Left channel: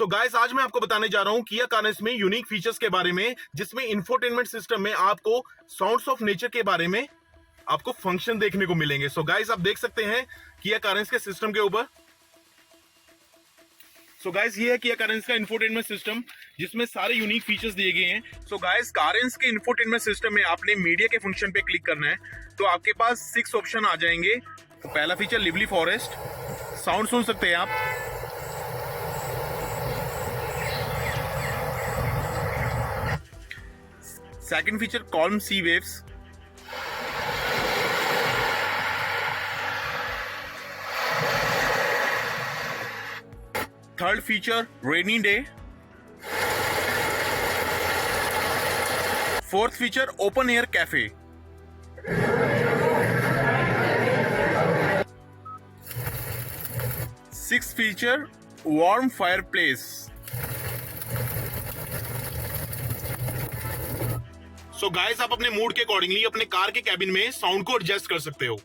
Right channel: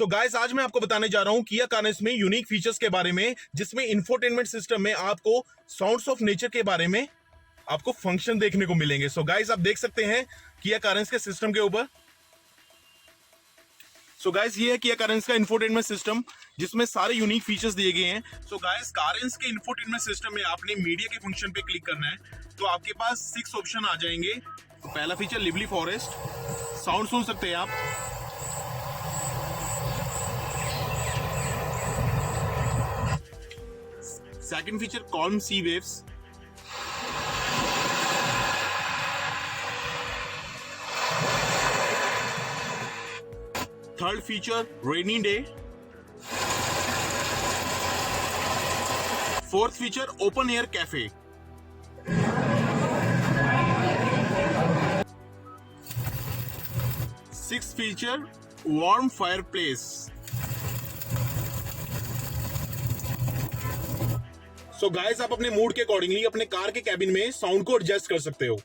So guys, आज मैं आपको बताने जा रहा हूं किया कारेंस में यूनिक फीचर्स के बारे में, जिसमें इंफोटेनमेंट सिस्टम में आपको साउंड्स ऑफ नेचर के बारे में आपको फंक्शन देखने को मिलेंगे। सो गाइस, आप देख सकते हैं किया कारेंस के सिस्टम के ऊपर। सो गाइस, ये है किया कारेंस का इंफोटेनमेंट सिस्टम, जिसमें सारे यूनिक फीचर्स दिए गए हैं। सो गाइस, कारेंस के इंफोटेनमेंट सिस्टम में आपने मीडिया के फंक्शन पे क्लिक करना है तो आपके पास 6 ऑप्शन आ जाएंगे। तो पहला फीचर लिवली फॉरेस्ट, साउंड सुन सकते हैं आप। Second feature calm sea waves. Third feature rainy day. Fourth feature open air cafe. Six feature warm fireplace. So guys, आप अपने मूड के अकॉर्डिंगली अपने कार के कैबिन में साउंड को एडजस्ट कर सकते हो।